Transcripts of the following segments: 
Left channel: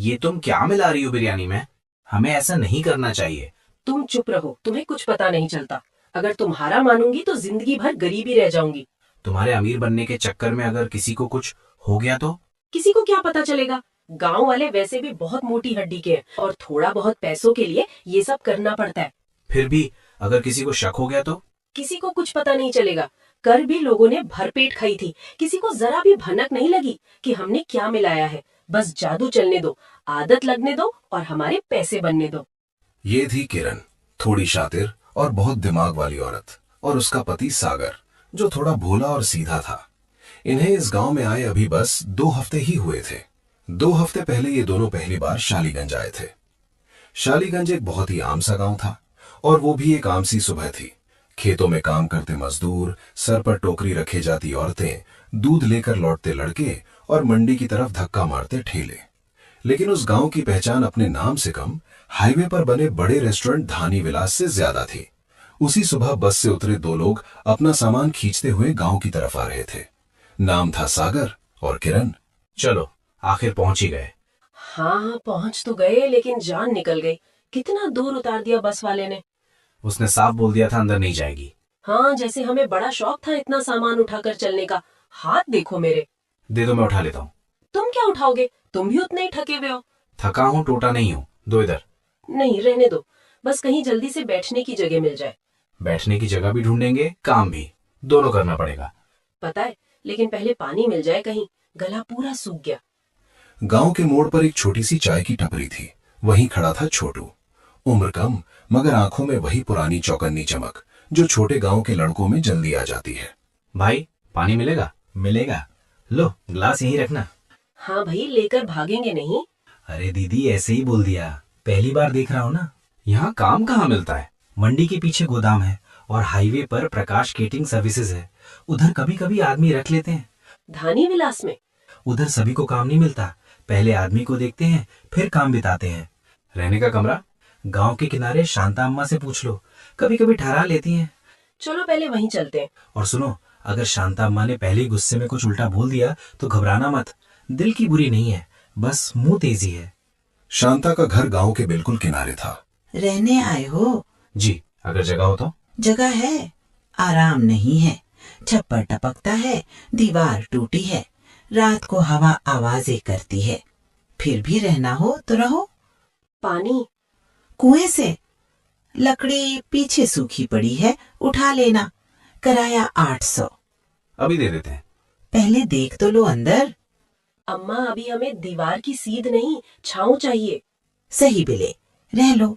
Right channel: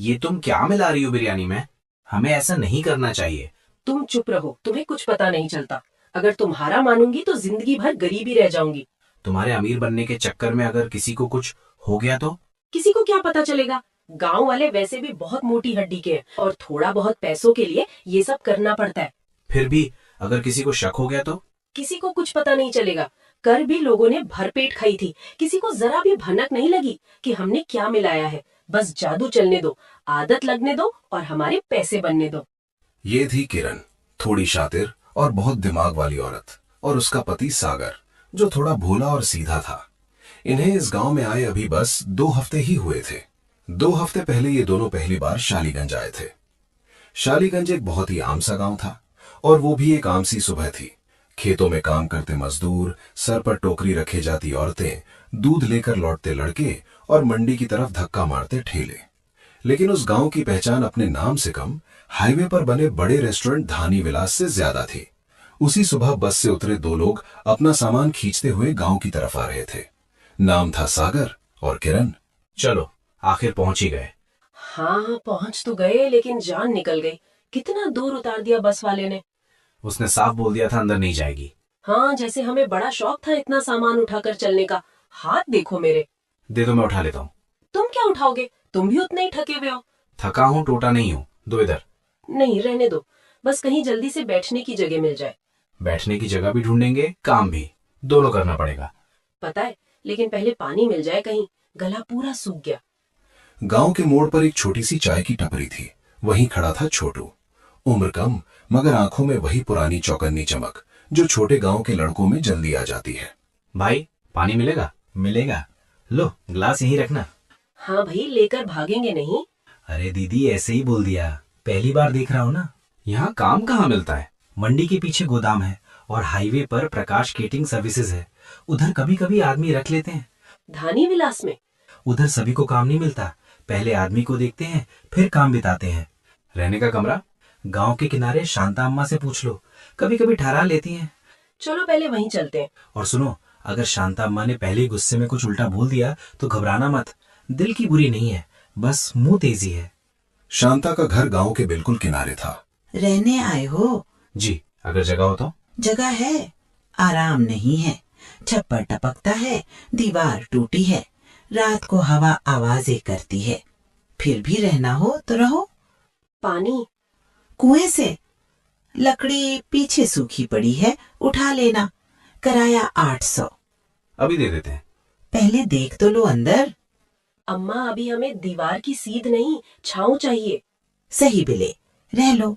ये तुम क्या मिला रही हो बिरयानी में? हमें ऐसा नहीं करना चाहिए। तुम चुप रहो, तुम्हें कुछ पता नहीं चलता। अगर तुम्हारा मानूंगी तो जिंदगी भर गरीबी रह जाऊंगी। तुम्हारे अमीर बनने के चक्कर में अगर किसी को कुछ हो गया तो? किसी को क्या पता चलेगा? गांव वाले वैसे भी बहुत मोटी हड्डी के हैं और थोड़ा बहुत पैसों के लिए ये सब करना पड़ता है। फिर भी अगर किसी को शक हो गया तो? किसी को कुछ पता नहीं चलेगा। कर भी लोगों ने भरपेट खाई थी, किसी को जरा भी भनक नहीं लगी कि हमने क्या मिलाया है। बस जादू चलने दो, आदत लगने दो और हमारे पैसे बनने दो। ये थी किरण, थोड़ी शातिर और बहुत दिमाग वाली औरत, और उसका पति सागर, जो थोड़ा भोला और सीधा था। इन्हें इस गांव में आए अभी बस 2 हफ्ते ही हुए थे। 2 हफ्ते पहले ये दोनों पहली बार शालीगंज आए थे। शालीगंज एक बहुत ही आम सा गांव था, और वो भी एक आम सी सुबह थी। खेतों में काम करते मजदूर, सर पर टोकरी रखे जाती औरतें, दूध लेकर लौटते लड़के और मंडी की तरफ धक्का मारते ठेले। लेकिन उस गांव की पहचान अपने नाम से कम हाईवे पर बने बड़े रेस्टोरेंट धानी विलास से ज्यादा थी। उसी सुबह बस से उतरे 2 लोग अपना सामान खींचते हुए गांव की तरफ आ रहे थे। नाम था सागर और किरण। चलो, आखिर पहुंच ही गए। हाँ, पहुंच तो गए, लेकिन जान निकल गई। कितना दूर उतार दिया बस वाले ने। उसने साफ बोल दिया था अंदर नहीं जाएगी। हाँ, जैसे हमें बड़ा शौक था इतना सामान उठाकर चलने का। हाथ देखो मेरे। दे दो, मैं उठा लेता हूँ। तुम क्या उठाओगे? तुम भी उतने ही थके हुए हो। थका हूँ, टोटा नहीं हूँ। दो इधर। नहीं, रहने दो। बस कहीं जल्दी से बैठने की जगह मिल जाए। बैठने की जगह भी ढूंढेंगे, काम भी, दोनों करना पड़ेगा। पता है, लेकिन पहले पानी मिल जाए कहीं। गला पूरा सूख गया। गांव के मोड़ पर एक छोटी सी चाय की टपरी थी। वहीं खड़ा था छोटू। उम्र कम, मगर आंखों में वही पुरानी चौकन्नी चमक जो छोटे गांव के लड़कों में जल्दी आ जाती है। भाई, पानी मिलेगा? मिलेगा। लो, ग्लास यहीं रखना। हाँ भाई, लेकर भागेंगे नहीं। अरे दीदी, ऐसे ही बोल दिया, पहली बार देख रहा हूँ ना। यहाँ काम कहाँ मिलता है? मंडी के पीछे गोदाम है और हाईवे पर प्रकाश केटरिंग सर्विसेज है। उधर कभी कभी आदमी रख लेते हैं। धानी विलास में? उधर सभी को काम नहीं मिलता, पहले आदमी को देखते हैं फिर काम बिताते हैं। रहने का कमरा? गांव के किनारे शांता अम्मा से पूछ लो, कभी कभी ठहरा लेती हैं। चलो पहले वहीं चलते हैं। और सुनो, अगर शांता अम्मा ने पहले ही गुस्से में कुछ उल्टा बोल दिया तो घबराना मत। दिल की बुरी नहीं है, बस मुंह तेजी है। शांता का घर गांव के बिल्कुल किनारे था। रहने आए हो? जी, अगर जगह हो तो। जगह है, आराम नहीं है। छप्पर टपकता है, दीवार टूटी है, रात को हवा आवाजें करती है। फिर भी रहना हो तो रहो। पानी? कुएं से। लकड़ी पीछे सूखी पड़ी है, उठा लेना। किराया 800। अभी दे देते हैं। पहले देख तो लो अंदर। अम्मा, अभी हमें दीवार की सीध नहीं, छांव चाहिए। सही बिले, रह लो।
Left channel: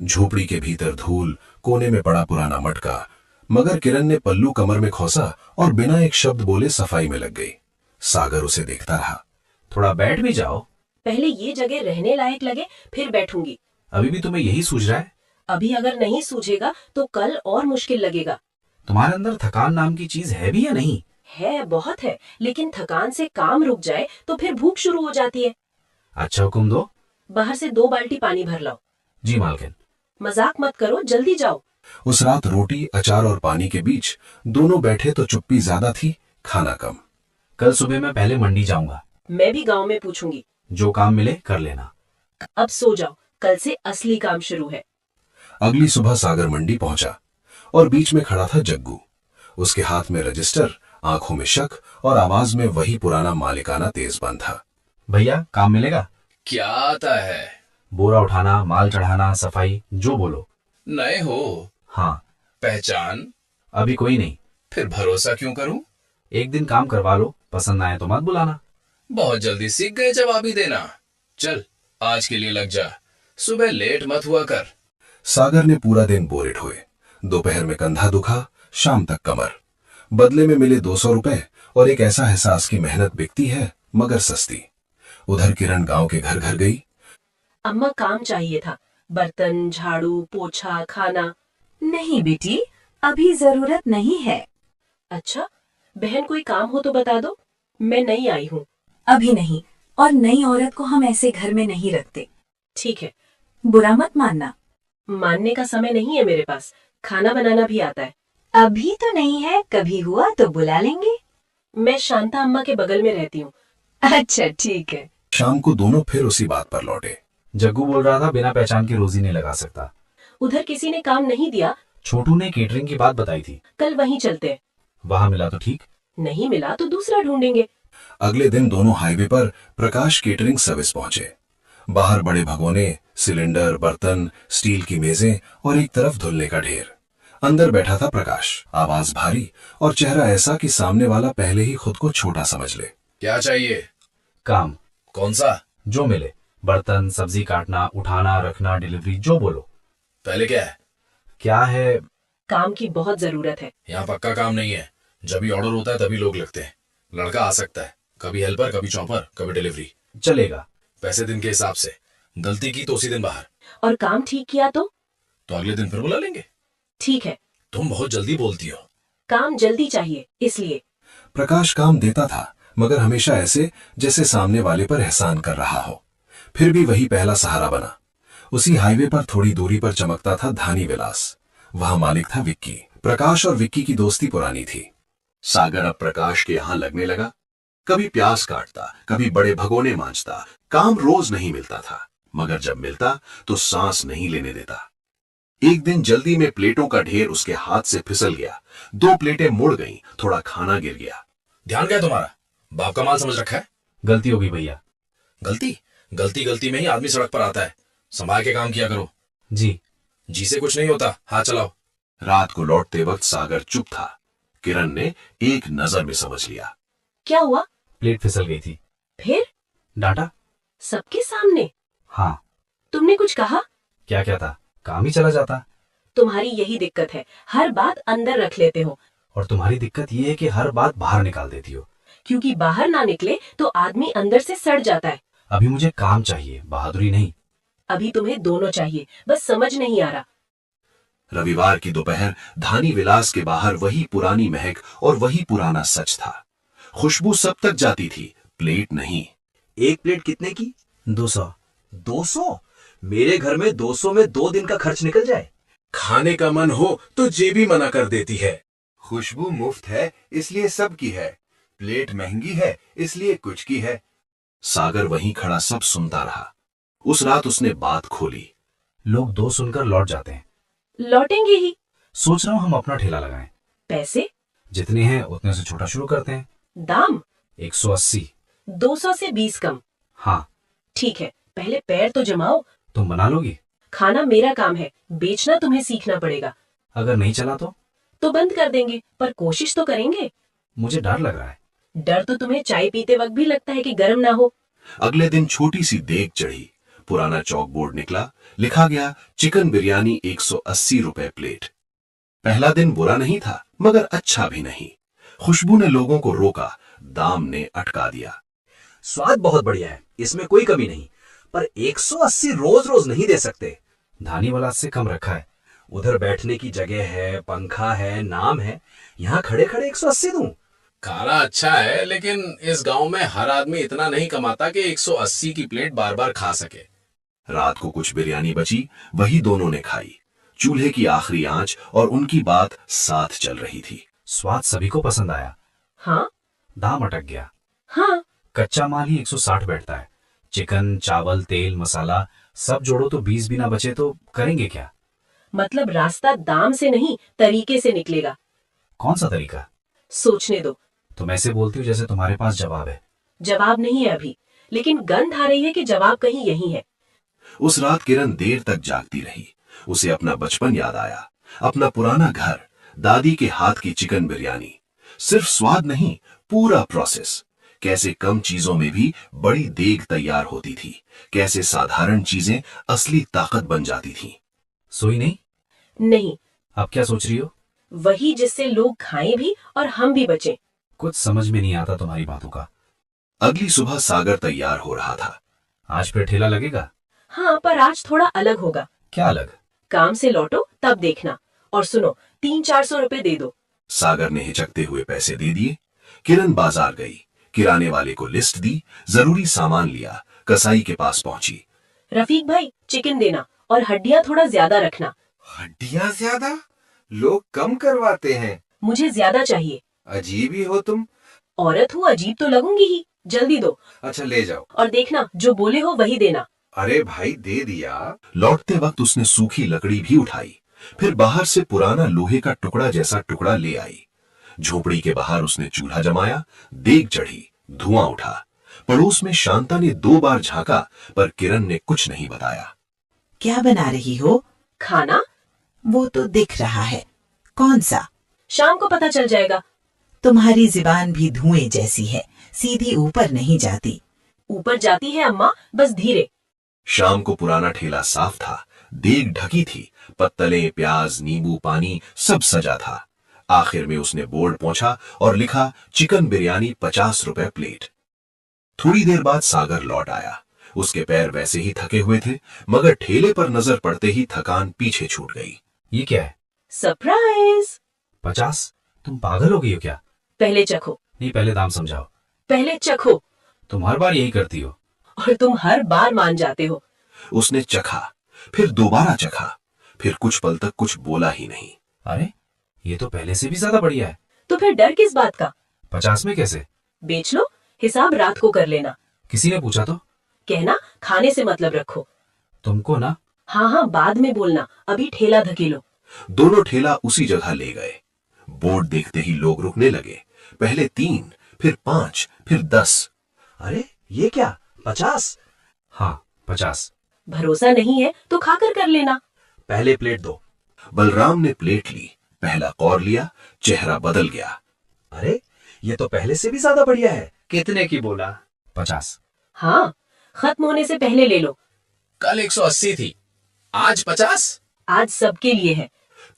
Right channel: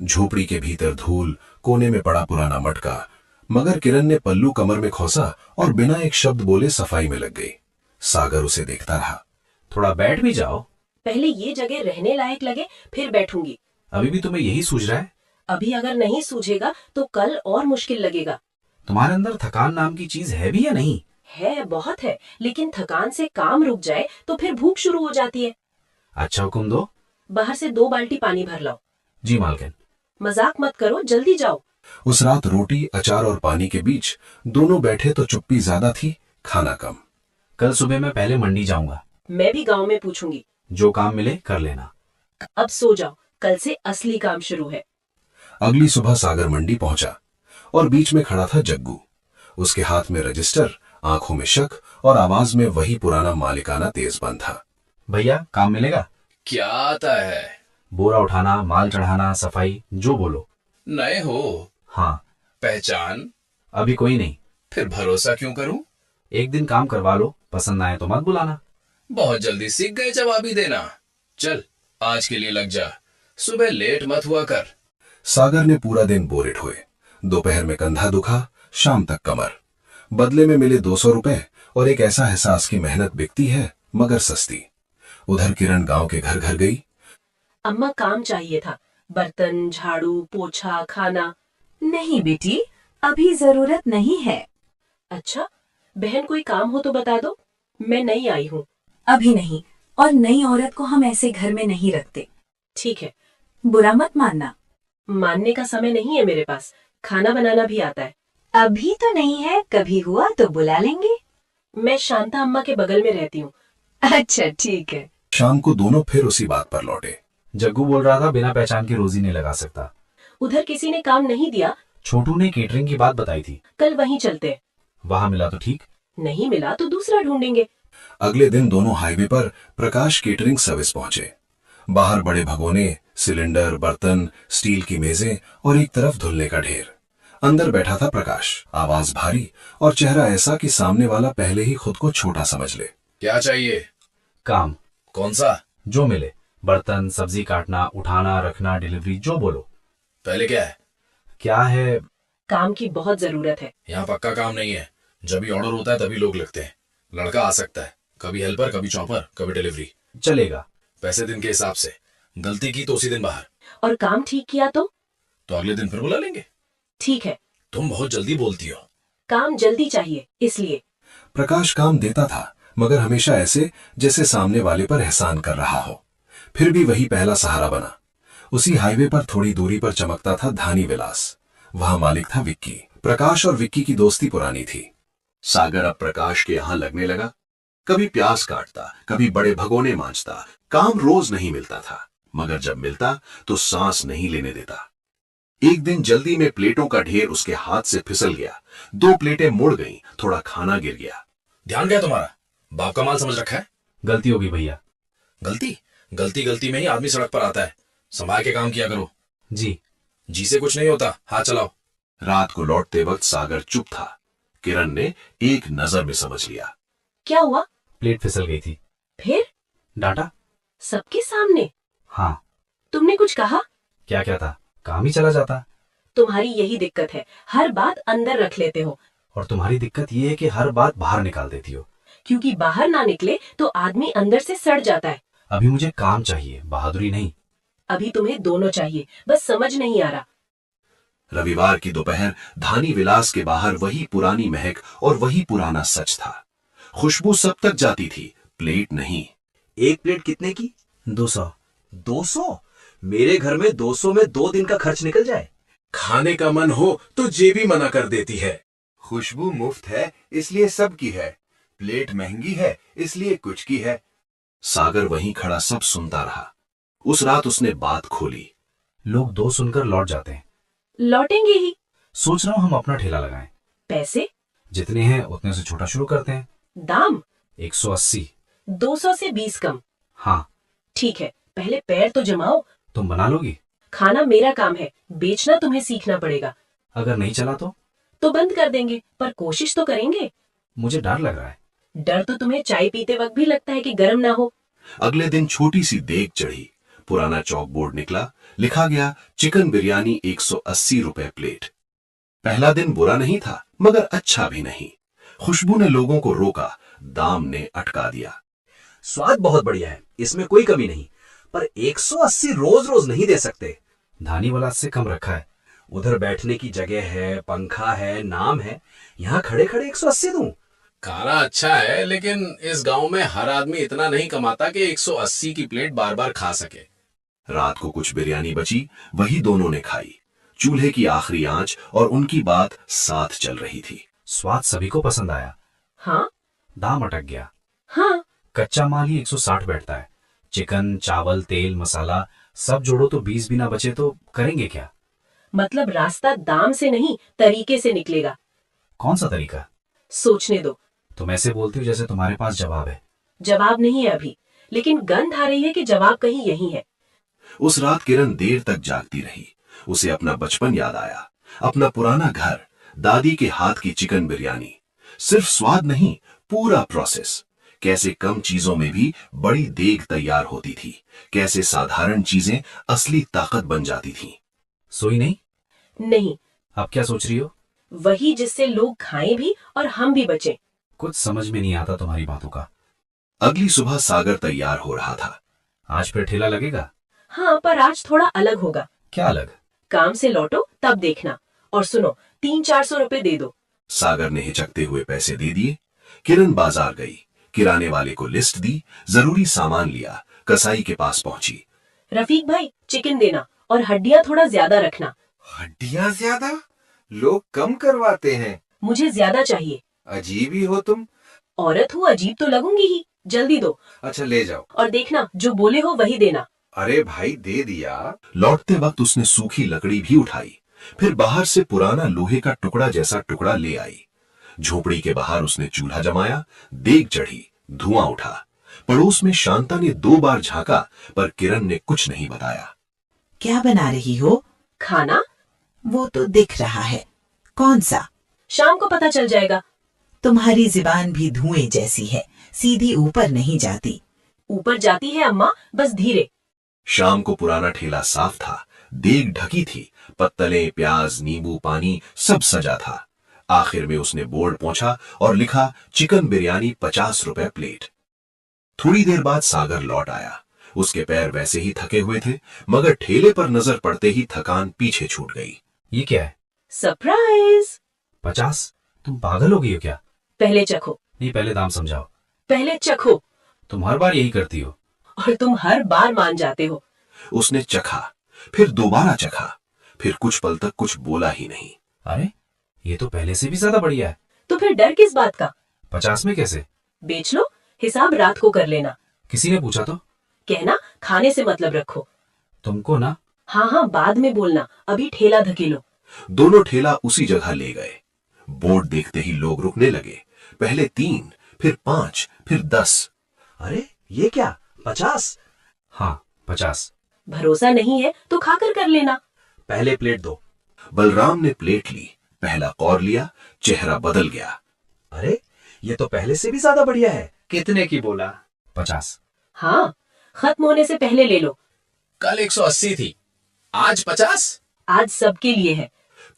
झोपड़ी के भीतर धूल, कोने में पड़ा पुराना मटका, मगर किरण ने पल्लू कमर में खोसा और बिना एक शब्द बोले सफाई में लग गई। सागर उसे देखता रहा। थोड़ा बैठ भी जाओ। पहले ये जगह रहने लायक लगे, फिर बैठूंगी। अभी भी तुम्हें यही सूझ रहा है? अभी अगर नहीं सूझेगा तो कल और मुश्किल लगेगा। तुम्हारे अंदर थकान नाम की चीज है भी या नहीं? है, बहुत है, लेकिन थकान से काम रुक जाए तो फिर भूख शुरू हो जाती है। अच्छा, हुक्म दो। बाहर से 2 बाल्टी पानी भर लाओ। जी मालकिन। मजाक मत करो, जल्दी जाओ। उस रात रोटी, अचार और पानी के बीच दोनों बैठे तो चुप्पी ज्यादा थी, खाना कम। कल सुबह मैं पहले मंडी जाऊंगा। मैं भी गांव में पूछूंगी। जो काम मिले कर लेना। अब सो जाओ, कल से असली काम शुरू है। अगली सुबह सागर मंडी पहुंचा और बीच में खड़ा था जग्गू। उसके हाथ में रजिस्टर, आंखों में शक और आवाज में वही पुराना मालिकाना तेजपन था। भैया, काम मिलेगा? क्या आता है? बोरा उठाना, माल चढ़ाना, सफाई, जो बोलो। नए हो? हाँ। पहचान? अभी कोई नहीं। फिर भरोसा क्यों करूं? एक दिन काम करवा लो, पसंद आए तो मत बुलाना। बहुत जल्दी सीख गए जवाबी देना। चल, आज के लिए लग जा, सुबह लेट मत हुआ कर। सागर ने पूरा दिन बोरे ढोए। दोपहर में कंधा दुखा, शाम तक कमर। बदले में मिले 200 रुपए और एक ऐसा एहसास की मेहनत बिकती है मगर सस्ती। उधर किरण गांव के घर घर गई। अम्मा, काम चाहिए था। बर्तन, झाड़ू, पोछा, खाना। नहीं बेटी, अभी जरूरत नहीं है। अच्छा, बहन कोई काम हो तो बता दो, मैं नई आई हूँ। अभी नहीं, और नई औरत को हम ऐसे घर में नहीं रखते। ठीक है। बुरा मत मानना। मानने का समय नहीं है मेरे पास, खाना बनाना भी आता है। अभी तो नहीं है, कभी हुआ तो बुला लेंगे। मैं शांता अम्मा के बगल में रहती हूँ। अच्छा ठीक है। शाम को दोनों फिर उसी बात पर लौटे। जग्गू बोल रहा था बिना पहचान के रोजी नहीं लगा सकता। उधर किसी ने काम नहीं दिया। छोटू ने केटरिंग की बात बताई थी। कल वहीं चलते हैं। वहां मिला तो ठीक। नहीं मिला तो दूसरा ढूंढेंगे। अगले दिन दोनों हाईवे पर प्रकाश केटरिंग सर्विस पहुंचे। बाहर बड़े भगोने, सिलेंडर, बर्तन, स्टील की मेजें और एक तरफ धुलने का ढेर। अंदर बैठा था प्रकाश, आवाज भारी और चेहरा ऐसा कि सामने वाला पहले ही खुद को छोटा समझ ले। क्या चाहिए? काम कौन सा? जो मिले, बर्तन, सब्जी काटना, उठाना, रखना, डिलीवरी, जो बोलो। पहले क्या है? क्या है? काम की बहुत जरूरत है। यहाँ पक्का काम नहीं है। जब भी ऑर्डर होता है तभी लोग लगते हैं। लड़का आ सकता है, कभी हेल्पर, कभी चौपर, कभी डिलीवरी। चलेगा। पैसे दिन के हिसाब से। गलती की तो उसी दिन बाहर। और काम ठीक किया तो अगले दिन फिर बुला लेंगे। ठीक है। तुम बहुत जल्दी बोलती हो। काम जल्दी चाहिए इसलिए। प्रकाश काम देता था, मगर हमेशा ऐसे जैसे सामने वाले पर एहसान कर रहा हो। फिर भी वही पहला सहारा बना। उसी हाईवे पर थोड़ी दूरी पर चमकता था धानी विलास। वहां मालिक था विक्की। प्रकाश और विक्की की दोस्ती पुरानी थी। सागर अब प्रकाश के यहां लगने लगा। कभी प्याज काटता, कभी बड़े भगोने मांजता। काम रोज नहीं मिलता था, मगर जब मिलता तो सांस नहीं लेने देता। एक दिन जल्दी में प्लेटों का ढेर उसके हाथ से फिसल गया। 2 प्लेटें मुड़ गईं, थोड़ा खाना गिर गया। ध्यान क्या है तुम्हारा? बाप का माल समझ रखा है। गलती होगी भैया। गलती गलती गलती में ही आदमी सड़क पर आता है। संभाल के काम किया करो। जी। जी से कुछ नहीं होता, हाथ चलाओ। रात को लौटते वक्त सागर चुप था। किरण ने एक नजर में समझ लिया। क्या हुआ? प्लेट फिसल गई थी। फिर? डांटा। सबके सामने? हाँ। तुमने कुछ कहा? क्या क्या था, काम ही चला जाता। तुम्हारी यही दिक्कत है, हर बात अंदर रख लेते हो। और तुम्हारी दिक्कत ये है कि हर बात बाहर निकाल देती हो। क्योंकि बाहर ना निकले तो आदमी अंदर से सड़ जाता है। अभी मुझे काम चाहिए, बहादुरी नहीं। अभी तुम्हें दोनों चाहिए, बस समझ नहीं आ रहा। रविवार की दोपहर धानी विलास के बाहर वही पुरानी महक और वही पुराना सच था। खुशबू सब तक जाती थी, प्लेट नहीं। एक प्लेट कितने की? 200। 200? मेरे घर में 200 में 2 दिन का खर्च निकल जाए। खाने का मन हो तो जेबी मना कर देती है। खुशबू मुफ्त है इसलिए सबकी है, प्लेट महंगी है इसलिए कुछ की है। सागर वहीं खड़ा सब सुनता रहा। उस रात उसने बात खोली। लोग 2 सुनकर लौट जाते हैं। लौटेंगे ही। सोच रहा हूँ हम अपना ठेला लगाएं। पैसे? जितने हैं उतने से छोटा शुरू करते हैं। दाम? 180। 200 से 20 कम। हाँ। ठीक है, पहले पैर तो जमाओ। तुम बना लोगी? खाना मेरा काम है, बेचना तुम्हें सीखना पड़ेगा। अगर नहीं चला तो बंद कर देंगे, पर कोशिश तो करेंगे। मुझे डर लग रहा है। डर तो तुम्हें चाय पीते वक्त भी लगता है कि गर्म ना हो। अगले दिन छोटी सी देग चढ़ी। पुराना चौक बोर्ड निकला, लिखा गया चिकन बिरयानी 180 रुपए प्लेट। पहला दिन बुरा नहीं था, मगर अच्छा भी नहीं। खुशबू ने लोगों को रोका, दाम ने अटका दिया। स्वाद बहुत बढ़िया है, इसमें कोई कमी नहीं, पर 180 रोज रोज नहीं दे सकते। धानी वाला से कम रखा है। उधर बैठने की जगह है, पंखा है, नाम है, यहाँ खड़े खड़े 180 दूं? खाना अच्छा है, लेकिन इस गांव में हर आदमी इतना नहीं कमाता कि 180 की प्लेट बार बार खा सके। रात को कुछ बिरयानी बची, वही दोनों ने खाई। चूल्हे की आखिरी आंच और उनकी बात साथ चल रही थी। स्वाद सभी को पसंद आया। हाँ। दाम अटक गया। हाँ। कच्चा माल ही 160 बैठता है। चिकन, चावल, तेल, मसाला सब जोड़ो तो 20 भी ना बचे तो करेंगे क्या? मतलब रास्ता दाम से नहीं, तरीके से निकलेगा। कौन सा तरीका? सोचने दो। तुम ऐसे बोलती हो जैसे तुम्हारे पास जवाब है। जवाब नहीं है अभी, लेकिन गंध आ रही है कि जवाब कहीं यही है। उस रात किरण देर तक जागती रही। उसे अपना बचपन याद आया, अपना पुराना घर, दादी के हाथ की चिकन बिरयानी। सिर्फ स्वाद नहीं, पूरा प्रोसेस। कैसे कम चीजों में भी बड़ी देग तैयार होती थी, कैसे साधारण चीजें असली ताकत बन जाती थीं। सोई नहीं? नहीं। अब क्या सोच रही हो? वही जिससे लोग खाएं भी और हम भी बचें। कुछ समझ में नहीं आता तुम्हारी बातों का। अगली सुबह सागर तैयार हो रहा था। आज फिर ठेला लगेगा? हाँ, पर आज थोड़ा अलग होगा। क्या अलग? काम से लौटो तब देखना। और सुनो, 300-400 रुपए दे दो। सागर ने हिचकते हुए पैसे दे दिए। किरण बाजार गई, किराने वाले को लिस्ट दी, जरूरी सामान लिया, कसाई के पास पहुंची। रफीक भाई, चिकन देना और हड्डियां थोड़ा ज्यादा रखना। हड्डियां ज्यादा? लोग कम करवाते हैं। मुझे ज्यादा चाहिए। अजीब ही हो तुम। औरत हूँ, अजीब तो लगूंगी ही। जल्दी दो, अच्छा ले जाओ। और देखना जो बोले हो वही देना। अरे भाई दे दिया। लौटते वक्त उसने सूखी लकड़ी भी उठाई, फिर बाहर से पुराना लोहे का टुकड़ा जैसा टुकड़ा ले आई। झोपड़ी के बाहर उसने चूल्हा जमाया, देग चढ़ी, धुआं उठा। पड़ोस में शांता ने 2 बार झांका, पर किरण ने कुछ नहीं बताया। क्या बना रही हो? खाना? वो तो दिख रहा है। कौन सा? शाम को पता चल जाएगा। तुम्हारी जुबान भी धुएं जैसी है, सीधी ऊपर नहीं जाती। ऊपर जाती है अम्मा, बस धीरे। शाम को पुराना ठेला साफ था, देग ढकी थी, पत्तलें, प्याज, नींबू, पानी सब सजा था। आखिर में उसने बोर्ड पोंछा और लिखा चिकन बिरयानी 50 रुपए प्लेट। थोड़ी देर बाद सागर लौट आया। उसके पैर वैसे ही थके हुए थे, मगर ठेले पर नजर पड़ते ही थकान पीछे छूट गई। ये क्या है? सरप्राइज। 50? तुम पागल हो गई हो क्या? पहले चखो। नहीं, पहले दाम समझाओ। पहले चखो। तुम हर बार यही करती हो। और तुम हर बार मान जाते हो। उसने चखा, फिर दोबारा चखा, फिर कुछ पल तक कुछ बोला ही नहीं। अरे ये तो पहले से भी ज्यादा बढ़िया है। तो फिर डर किस बात का? 50 में कैसे? बेच लो, हिसाब रात को कर लेना। किसी ने पूछा तो? कहना खाने से मतलब रखो। तुमको ना। हाँ हाँ, बाद में बोलना, अभी ठेला धकेलो। दोनों ठेला उसी जगह ले गए। बोर्ड देखते ही लोग रुकने लगे। पहले 3, फिर 5, फिर 10। अरे ये क्या, 50? हाँ 50। भरोसा नहीं है तो खाकर कर लेना। पहले प्लेट दो। बलराम ने प्लेट ली, पहला कौर लिया, चेहरा बदल गया। अरे ये तो पहले से भी ज्यादा बढ़िया है। कितने की बोला? 50। हाँ, खत्म होने से पहले ले लो। कल 180 थी, आज 50? आज सबके लिए है।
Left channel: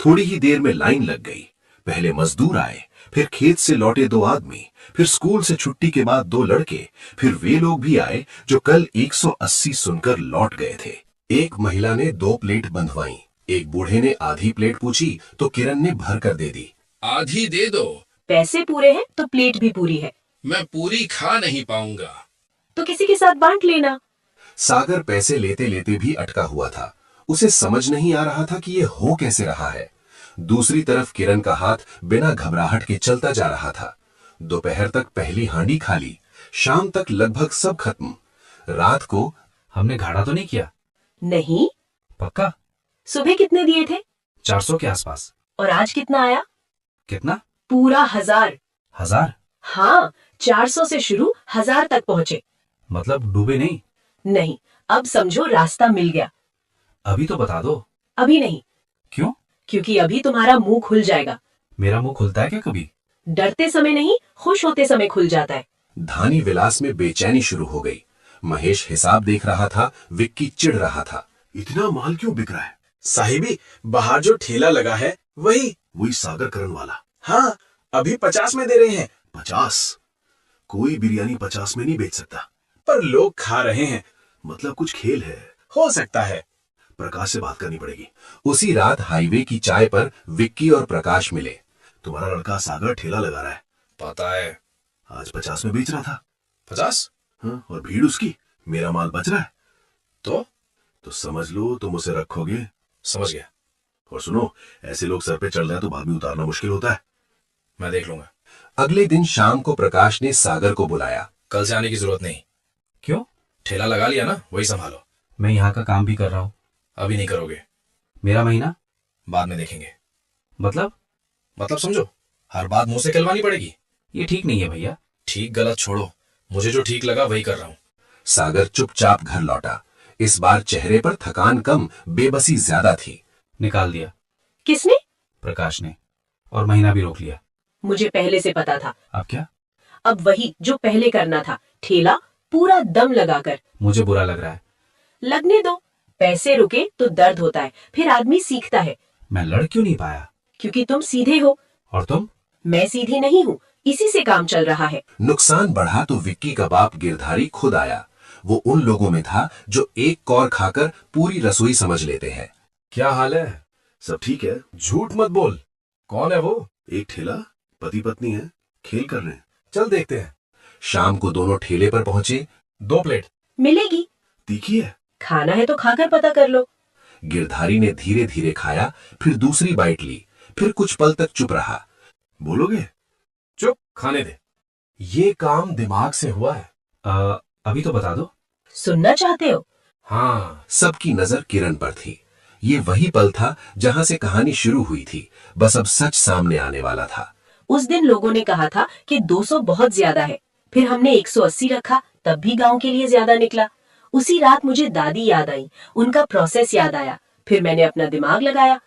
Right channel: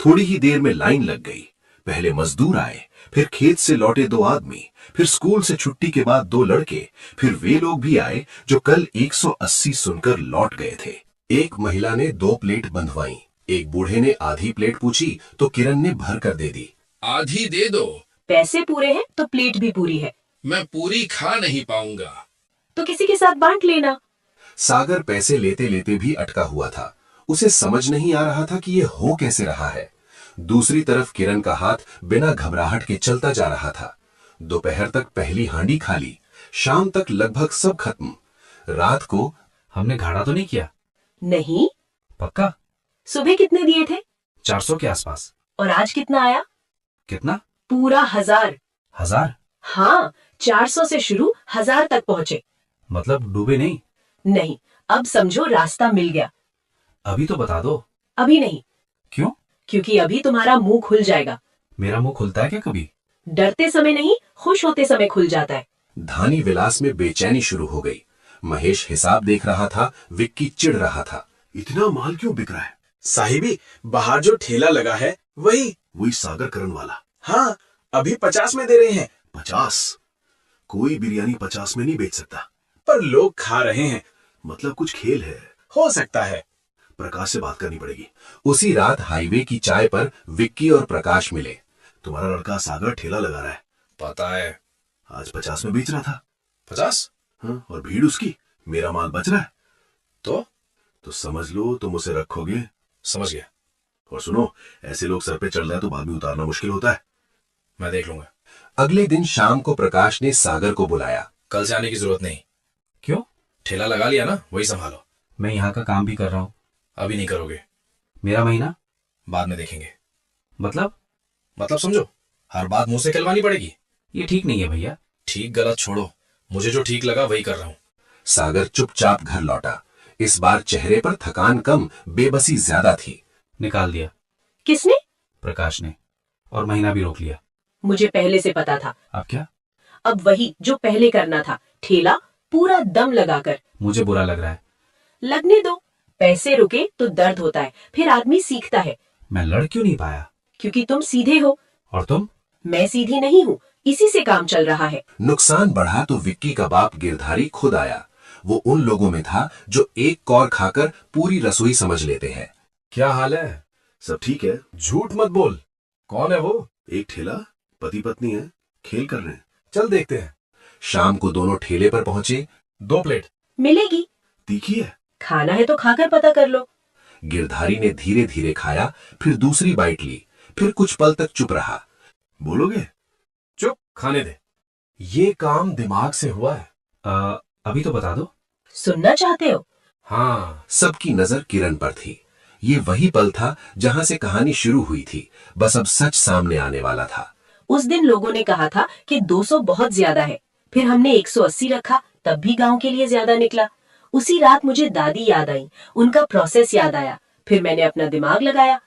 थोड़ी ही देर में लाइन लग गई। पहले मजदूर आए, फिर खेत से लौटे 2 आदमी, फिर स्कूल से छुट्टी के बाद 2 लड़के, फिर वे लोग भी आए जो कल 180 सुनकर लौट गए थे। एक महिला ने 2 प्लेट बंधवाई। एक बूढ़े ने आधी प्लेट पूछी तो किरण ने भर कर दे दी। आधी दे दो। पैसे पूरे हैं तो प्लेट भी पूरी है। मैं पूरी खा नहीं पाऊंगा। तो किसी के साथ बांट लेना। सागर पैसे लेते लेते भी अटका हुआ था। उसे समझ नहीं आ रहा था कि ये हो कैसे रहा है। दूसरी तरफ किरण का हाथ बिना घबराहट के चलता जा रहा था। दोपहर तक पहली हांडी खाली, शाम तक लगभग सब खत्म। रात को हमने घाटा तो नहीं किया? नहीं। पक्का? सुबह कितने दिए थे? 400 के आसपास। और आज कितना आया? कितना? पूरा 1000। 1000? हाँ, 400 से शुरू 1000 तक पहुँचे। मतलब डूबे नहीं? नहीं, अब समझो रास्ता मिल गया। अभी तो बता दो। अभी नहीं। क्यों? क्योंकि अभी तुम्हारा मुंह खुल जाएगा। मेरा मुंह खुलता है क्या कभी? डरते समय नहीं, खुश होते समय खुल जाता है। धानी विलास में बेचैनी शुरू हो गई। महेश हिसाब देख रहा था, विक्की चिढ़ रहा था। इतना माल क्यों बिक रहा है? साहिबी, बाहर जो ठेला लगा है वही सागर करन वाला। हाँ, अभी 50 में दे रहे हैं। 50? कोई बिरयानी 50 में नहीं बेच सकता। पर लोग खा रहे हैं। मतलब कुछ खेल है। हो सकता है। प्रकाश से बात करनी पड़ेगी। उसी रात हाईवे की चाय पर विक्की और प्रकाश मिले। तुम्हारा लड़का सागर ठेला लगा रहा है। पता है। आज 50 में बेच रहा था। 50? हाँ, और भीड़ उसकी। मेरा माल बच रहा है। तो समझ लो तुम उसे रखोगे। समझ गया। और सुनो, ऐसे लोग सर पे चढ़ जाए तो बाद में उतारना मुश्किल होता है। मैं देख लूंगा। अगले दिन शाम को प्रकाश ने सागर को बुलाया। कल से आने की जरूरत नहीं। क्यों? ठेला लगा लिया ना, वही संभालो। मैं यहाँ का काम भी कर रहा हूँ। अभी नहीं करोगे। मेरा महीना बाद में देखेंगे। मतलब समझो, हर बात मुंह से कहलवानी पड़ेगी। ये ठीक नहीं है भैया। ठीक गलत छोड़ो, मुझे जो ठीक लगा वही कर रहा हूँ। सागर चुपचाप घर लौटा। इस बार चेहरे पर थकान कम, बेबसी ज्यादा थी। निकाल दिया। किसने? प्रकाश ने। और महीना भी रोक लिया। मुझे पहले से पता था। अब क्या? अब वही जो पहले करना था, ठेला पूरा दम लगाकर। मुझे बुरा लग रहा है। लगने दो, पैसे रुके तो दर्द होता है, फिर आदमी सीखता है। मैं लड़ क्यों नहीं पाया? क्योंकि तुम सीधे हो। और तुम? मैं सीधी नहीं हूँ, इसी से काम चल रहा है। नुकसान बढ़ा तो विक्की का बाप गिरधारी खुद आया। वो उन लोगों में था जो एक कौर खाकर पूरी रसोई समझ लेते हैं। क्या हाल है? सब ठीक है। झूठ मत बोल। कौन है वो? एक ठेला, पति पत्नी है, खेल कर रहे हैं। चल देखते हैं। शाम को दोनों ठेले पर पहुंचे। 2 प्लेट मिलेगी। तीखी है। खाना है तो खाकर पता कर लो। गिरधारी ने धीरे धीरे खाया, फिर दूसरी बाइट ली, फिर कुछ पल तक चुप रहा। बोलोगे? चुप, खाने दे। ये काम दिमाग से हुआ है। अभी तो बता दो। सुनना चाहते हो? हाँ। सबकी नजर किरण पर थी। ये वही पल था जहां से कहानी शुरू हुई थी, बस अब सच सामने आने वाला था। उस दिन लोगों ने कहा था कि 200 बहुत ज्यादा है, फिर हमने 180 रखा, तब भी गांव के लिए ज्यादा निकला। उसी रात मुझे दादी याद आई, उनका प्रोसेस याद आया, फिर मैंने अपना दिमाग लगाया।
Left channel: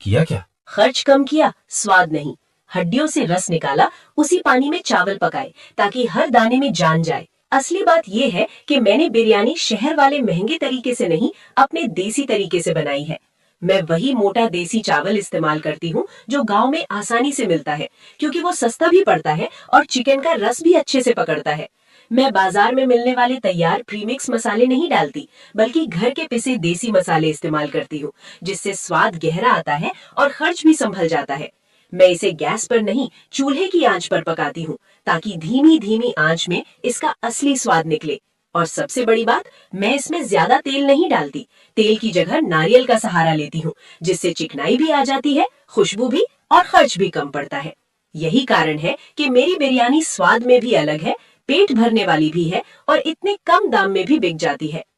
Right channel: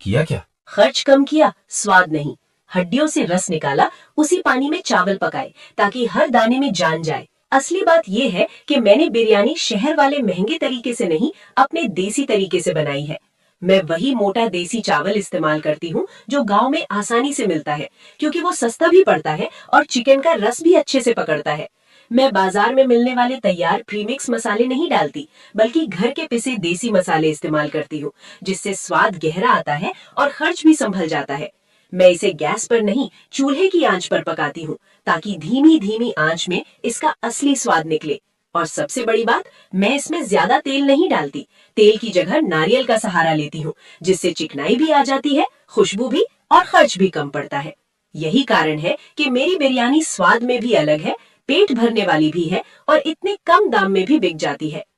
किया क्या? खर्च कम किया, स्वाद नहीं। हड्डियों से रस निकाला, उसी पानी में चावल पकाए ताकि हर दाने में जान जाए। असली बात यह है कि मैंने बिरयानी शहर वाले महंगे तरीके से नहीं, अपने देसी तरीके से बनाई है। मैं वही मोटा देसी चावल इस्तेमाल करती हूँ जो गांव में आसानी से मिलता है, क्योंकि वो सस्ता भी पड़ता है और चिकन का रस भी अच्छे से पकड़ता है। मैं बाजार में मिलने वाले तैयार प्रीमिक्स मसाले नहीं डालती, बल्कि घर के पिसे देसी मसाले इस्तेमाल करती हूँ, जिससे स्वाद गहरा आता है और खर्च भी संभल जाता है। मैं इसे गैस पर नहीं, चूल्हे की आंच पर पकाती हूँ, ताकि धीमी धीमी आंच में इसका असली स्वाद निकले। और सबसे बड़ी बात, मैं इसमें ज्यादा तेल नहीं डालती। तेल की जगह नारियल का सहारा लेती हूँ, जिससे चिकनाई भी आ जाती है, खुशबू भी, और खर्च भी कम पड़ता है। यही कारण है कि मेरी बिरयानी स्वाद में भी अलग है, पेट भरने वाली भी है और इतने कम दाम में भी बिक जाती है।